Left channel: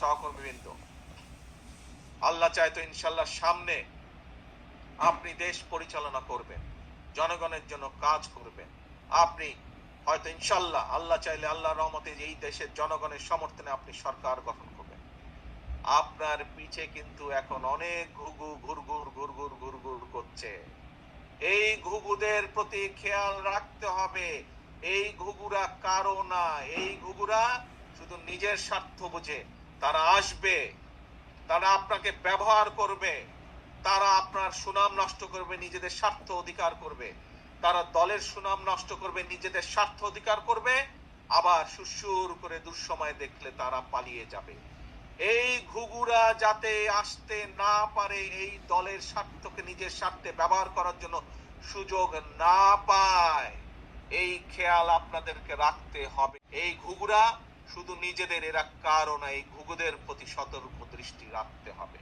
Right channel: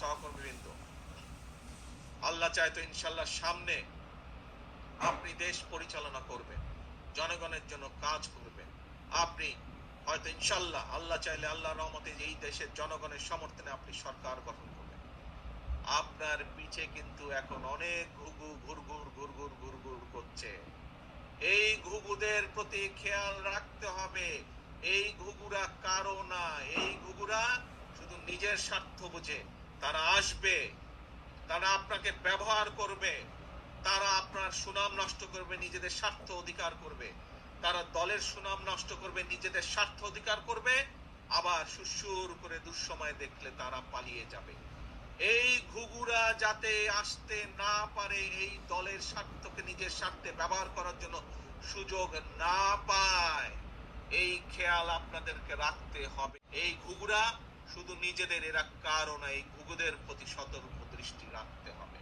সহকর্মীবৃন্দ। আল্লাহ চায় তো ইনশাল্লাহ সামনে আপনি দেশ পরিচালনা করবেন, জনগণের জন্য কাজ করবেন। আপনি হয়তো ইনশাল্লাহ আল্লাহ চাইলে আল্লাহ রহমতে এই দেশের জনগণের সমর্থনে আপনি সরকার গঠন করবেন। আপনার পিছে কিন্তু এখন অনেক ঘুঘু ঘুরঘুর ঘুরঘুর ঘুরঘুর করছে। এই ঘুঘুদের প্রতি খেয়াল রাখতে হবে। এই ঘুঘুরা কারও না, এই ঘুঘুরা শুধু নিজের স্বার্থ বুঝে। তারা আসবে, তারা আপনাকে ব্যবহার করবে, তারা আপনার সুনাম নষ্ট করবে, নিজেদের স্বার্থ অধিকার করবে। তারা দলের সুনাম নষ্ট করবে, নিজেদের স্বার্থ অধিকার করবে, আবার সুসুর করে দুঃসময় দেখলে তারা পালিয়ে যাবে। এই ঘুঘুরা যাতে আসতে না পারে, এই দলের স্বার্থকে নিজের স্বার্থে ব্যবহার করার জন্য সুযোগ না পায়, এই খেয়াল আপনাদেরকে রাখতে হবে। এই ঘুঘুরা শুধু নিজেদের এরা কারণ এই ঘুঘুদের প্রতি সতর্ক দৃষ্টি রাখতে হবে।